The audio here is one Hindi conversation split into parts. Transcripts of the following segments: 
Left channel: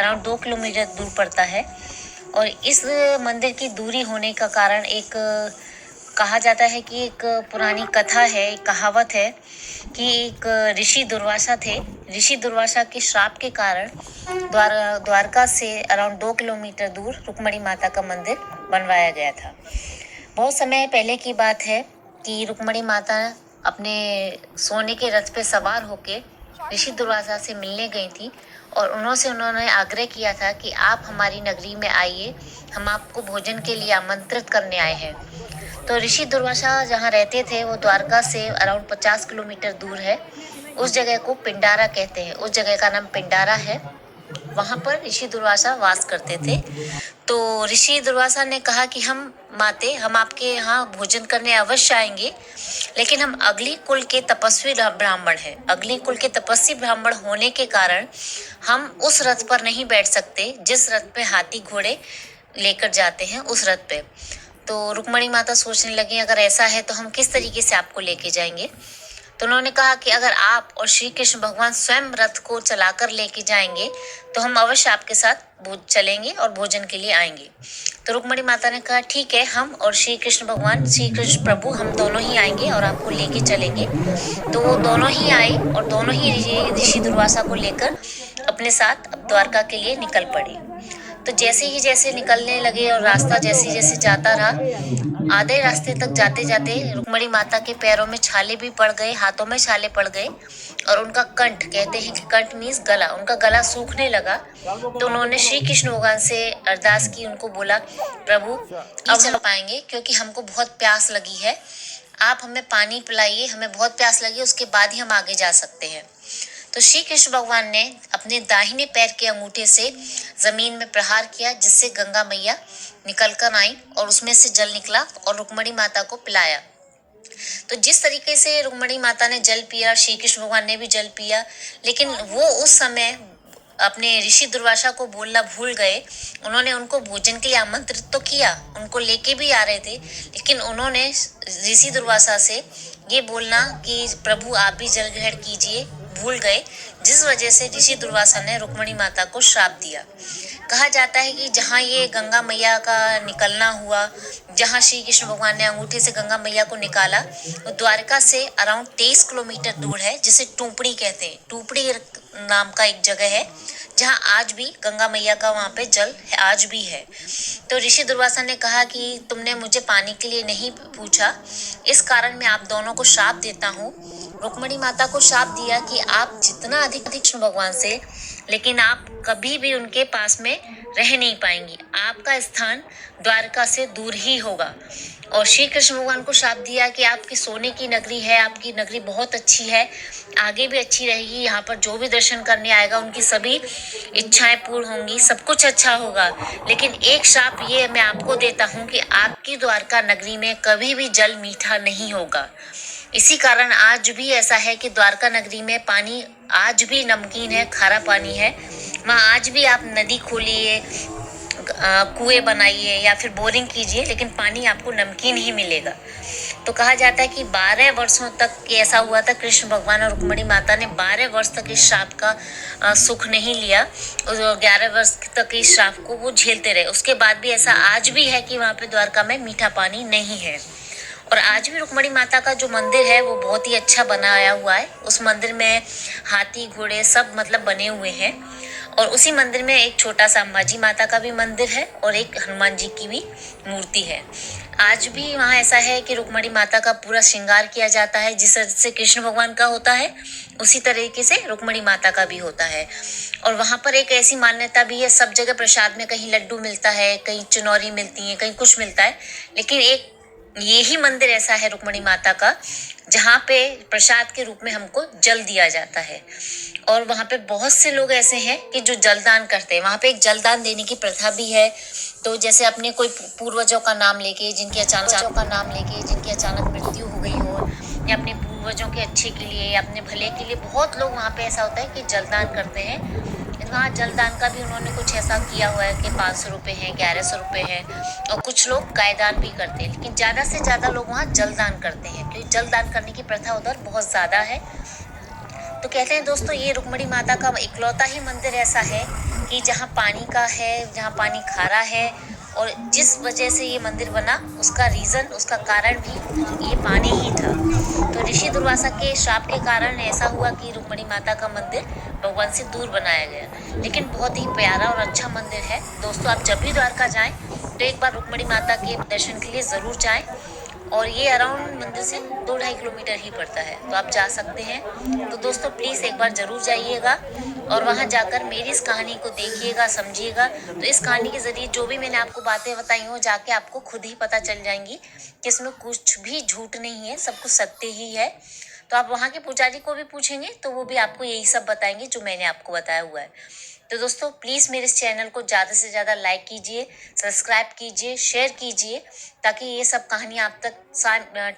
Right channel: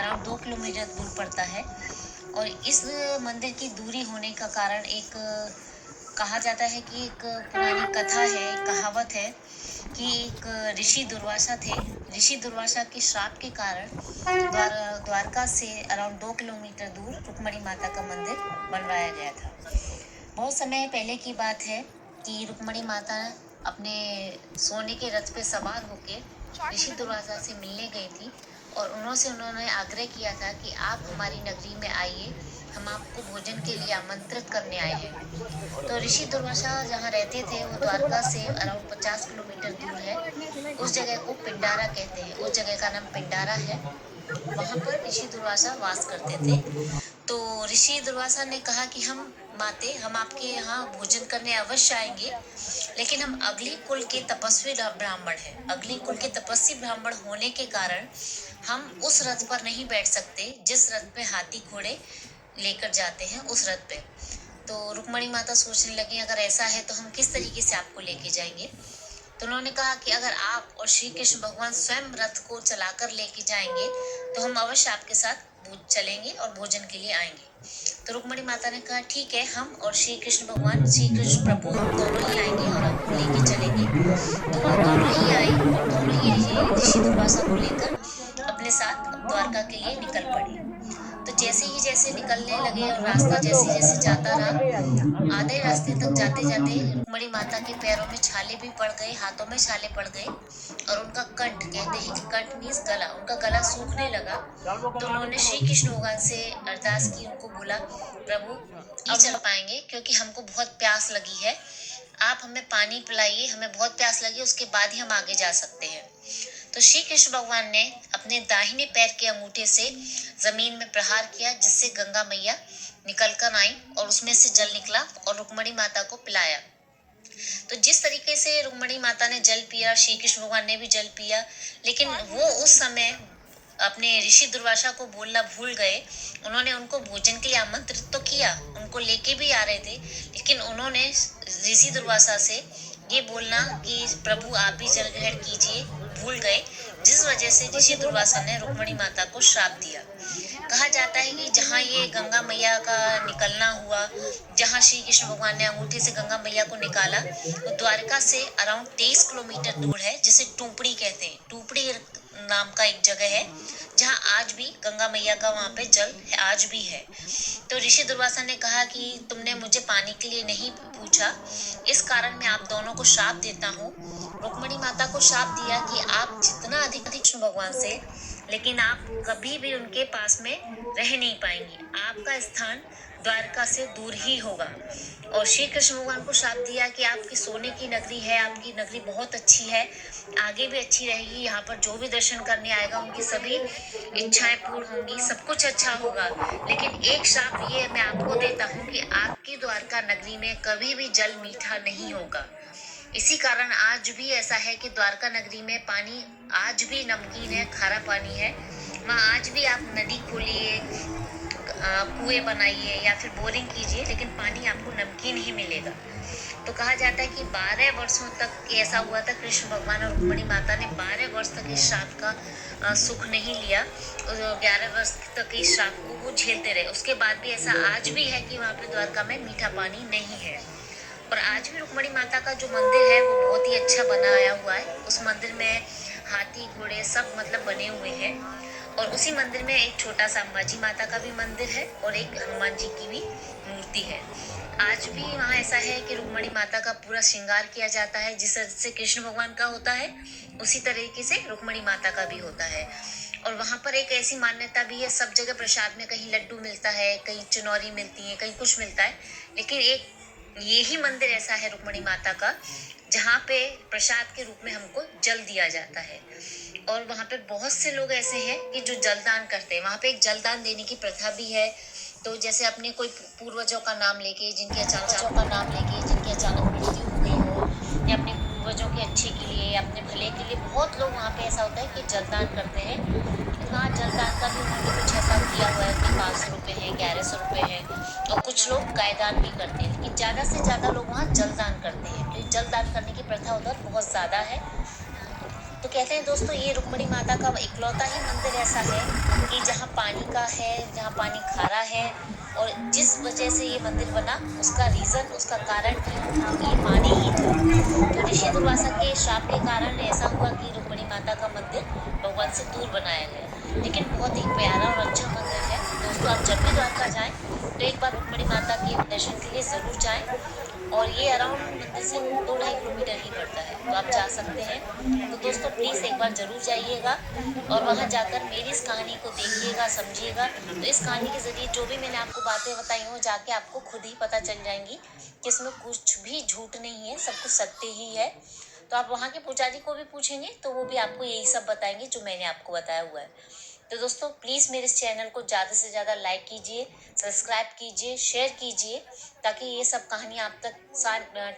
अराउंड 2 किलोमीटर दूर पड़ता है। और इस मंदिर की दूरी होने का कारण एक कहा जाता है कि एक पुरानी कथा है, एक कहावत है कि एक ऋषि दुर्वासा थे। ऋषि दुर्वासा के श्राप के कारण द्वारका से अराउंड 2 किलोमीटर दूर रुक्मणी माता का मंदिर बनवाया गया था। बहुत समय पहले की बात है कि रुक्मणी माता अपने सोने के रथ पे सवार होके ऋषि दुर्वासा से मिलने गई थी और उन्होंने आग्रह किया था कि आप हमारी नगरी में आइए, हम आपको भोजन के लिए आमंत्रित करने आए हैं। तो ऋषि दुर्वासा जहाँ रहते थे वो द्वारका से अराउंड 50 किलोमीटर दूर है। उस जगह को पिंडारा कहते हैं, उस जगह का नाम पिंडारा है। वहां पर ऋषि दुर्वासा वास करते थे। तो ऋषि दुर्वासा ने कहा कि हम आपके यहाँ भोजन करने अवश्य आएंगे, लेकिन हम अगली कुल के तपस्वी ब्राह्मण हैं। अगली कुल के तपस्वी ब्राह्मण होने के कारण हम उस रथ पर नहीं बैठ सकते जिस रथ पे हाथी घोड़े लेकर जाते हैं, उस रथ पे। तो रुक्मणी माता सोचने लगी अगर ऐसा है तो हम किस तरीके से आपको लेके जाएंगे। तो उन्होंने कहा कि अगर आप और श्री कृष्ण भगवान स्वयं रथ को चलाकर लेके जाएंगे तो हम अवश्य आपके साथ चलेंगे और भोजन के लिए आएंगे। तो रुक्मणी माता ने कहा ठीक है, हम और श्री कृष्ण भगवान, श्री कृष्ण प्रभु, हम दोनों ही आएंगे और आपको लेके चलेंगे। तो वो दोनों ही आई और दोनों ही ऋषि दुर्वासा को लेकर अपने साथ अब द्वारका के लिए निकल पड़े। तो जैसे निकलने लगे और रास्ता जैसे जैसे जाता रहा, आधे रास्ते तक जाते जाते रुक्मणी माता के पैरों में छाले भी पड़ गए, हाथों में छाले पड़ गए और उनका कंठ, कहते हैं कि कंठ मीन्स गला, उनका गला सूखने लगा। तो उन्होंने श्री कृष्ण भगवान से अरदास की, उनको बोला प्रभु अब चल पाएंगे क्योंकि हमको बहुत प्यास लगी है, आप हमें पानी पिलाइए, हमें बहुत प्यास लगी, उसके बाद ही हम आगे जा सकते हैं। तो श्री कृष्ण भगवान ने अपने दाहिने पैर के अंगूठे से जमीन में प्रहार किया, जिससे गंगा मैया निकल कर आई और उसमें से जल निकला और रुक्मणी माता को पिलाया। तो जिस तरीके से रुक्मणी माता ने जल पिया, श्री कृष्ण भगवान ने भी जल पिया, लेकिन वो उस समय अपने ऋषि दुर्वासा को बोलना भूल गए। उन्होंने उनको भोजन के लिए आमंत्रित तो किया, उनको लेके भी आ रहे थे, लेकिन उन्होंने ऋषि दुर्वासा से ये बोलना कि प्रभु आप भी जल ग्रहण कीजिए भूल गए, जिस वजह से ऋषि दुर्वासा ने रुक्मणी माता को श्राप दिया। कहा जाता है कि जहाँ ये गंगा मैया का निकलना हुआ, जहाँ श्री कृष्ण भगवान ने अंगूठे से गंगा मैया को निकाला, वो द्वारका से अराउंड 23 किलोमीटर दूर है, जिसे टूपड़ी कहते हैं। टूपड़ी नाम का एक जगह है जहाँ आज भी गंगा मैया का वहाँ पे जल आज भी है। तो ऋषि दुर्वासा ने कहा कि तुमने मुझे पानी के लिए नहीं पूछा, इस कारण मैं आप दोनों को श्राप देता हूँ। रुक्मणी माता को श्राप दिया कि आप जितना अधिक कृष्ण भगवान से, लेकिन आप कभी भी उनके पास में रह नहीं पाएंगी, आपका स्थान द्वारका से दूर ही होगा। और श्री कृष्ण भगवान को श्राप दिया कि आपकी सोने की नगरी है, आपकी नगरी बहुत अच्छी है, आगे भी अच्छी रहेगी, यहाँ पर जो भी दर्शन करने आएगा उनकी सभी इच्छाएं पूर्ण होंगी, सब कुछ अच्छा होगा। लेकिन एक श्राप ये मैं आपको देता हूँ कि आपकी द्वारका नगरी में कभी भी जल मीठा नहीं होगा। इसी कारण आज भी ऐसा है कि द्वारका नगरी में पानी आज भी नमकीन है, खारा पानी है। वहाँ आज भी आप नदी खोलिए, कुएं बनाइए या फिर बोरिंग कीजिए, लेकिन पानी आपको नमकीन ही मिलेगा। तो कहा जाता है कि 12 वर्षों तक ऐसा हुआ था, कृष्ण भगवान और रुक्मणी माता ने 12 वर्ष तक इस श्राप का सुख नहीं लिया और 11 वर्ष तक इस श्राप को वो झेलते रहे। उसके बाद भी ऐसा आज भी है कि वहाँ पे द्वारका में मीठा पानी नहीं है। और आज भी रुक्मणी माता का जो मंदिर है वो बहुत ही अच्छा बनाया हुआ है। उस मंदिर में हाथी घोड़े सब मतलब बने हुए हैं। और उसी मंदिर में एक छोटा सा अंबाजी माता का भी मंदिर है और एक हनुमान जी की भी मूर्ति है। आज भी वहाँ ऐसा है कि रुक्मणी माता का पूरा श्रृंगार किया जाता है, जिस तरह से कृष्ण भगवान का होता है उसी तरीके से रुक्मणी माता का भी होता है। और वहाँ पर एक ऐसी मान्यता भी है, सब जगह प्रसाद में कहीं लड्डू मिलता है, कहीं चुनौरी मिलती है, कहीं कुछ मिलता है, लेकिन एक ये ही मंदिर ऐसा है रुक्मणी माता का जहाँ पे प्रसाद के रूप में हमको जल दिया जाता है। और वहाँ पे बहुत से लोग ऐसे हैं कि जो जलदान करते हैं। वहाँ पे एक जलदान देने की प्रथा भी है। तो जैसे अपने कोई पूर्वजों का नाम लेके जिनकी अचानक मृत्यु हो गई हो, या अपने पूर्वजों के अच्छे के लिए या अपने भले के लिए, बहुत लोग वहाँ पे ऐसा होता है कि जलदान करते हैं। वहाँ जलदान का भी उन्होंने कुछ ऐसा किया हुआ है कि 500 रुपये हैं, 1100 रुपये हैं, और कुछ लोग गायदान भी करते हैं, लेकिन ज़्यादा से ज़्यादा लोग वहाँ जलदान करते हैं क्योंकि जलदान करने की प्रथा उधर बहुत ज़्यादा है। तो कहते हैं दोस्तों, ये रुक्मणी माता का इकलौता ही मंदिर ऐसा है कि जहाँ पानी का है, जहाँ पानी खारा है, और जिस वजह से ये मंदिर बना उसका रीज़न, उसका कारण भी ये पानी ही था। तो ऋषि दुर्वासा के श्राप के कारण ऐसा हुआ कि रुक्मणी माता का मंदिर भगवान से दूर बनाया गया। लेकिन बहुत ही प्यारा और अच्छा मंदिर है। दोस्तों, आप जब भी द्वारका जाएँ तो एक बार रुक्मणी माता के दर्शन के लिए ज़रूर जाएँ। और ये अराउंड मंदिर से 2-2.5 किलोमीटर ही पड़ता है, तो आप जा सकते हैं। तो दोस्तों, प्लीज़ एक बार ज़रूर जाइएगा और वहाँ जाकर मेरी इस कहानी को देखिएगा, समझिएगा। तो इस कहानी के ज़रिए जो भी मैंने आपको बातें बताई हैं, वो जाके आपको खुद ही पता चल जाएँगी कि इसमें कुछ भी झूठ नहीं है, सब कुछ सत्य ही है। तो आप वहाँ के पुजारी को भी पूछेंगे तो वो भी आपको यही सब बताएँगे जो मैंने आपको बताया हुआ है। तो दोस्तों, प्लीज़ मेरे इस चैनल को ज़्यादा से ज़्यादा लाइक कीजिए, सब्सक्राइब कीजिए, शेयर कीजिए, ताकि ये सब कहानियाँ आप तक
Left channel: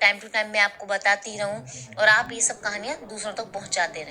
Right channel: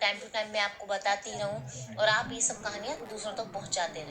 टाइम टू टाइम मैं आपको बताती रहूँ और आप ये सब कहानियाँ दूसरों तक पहुँचाते रहें।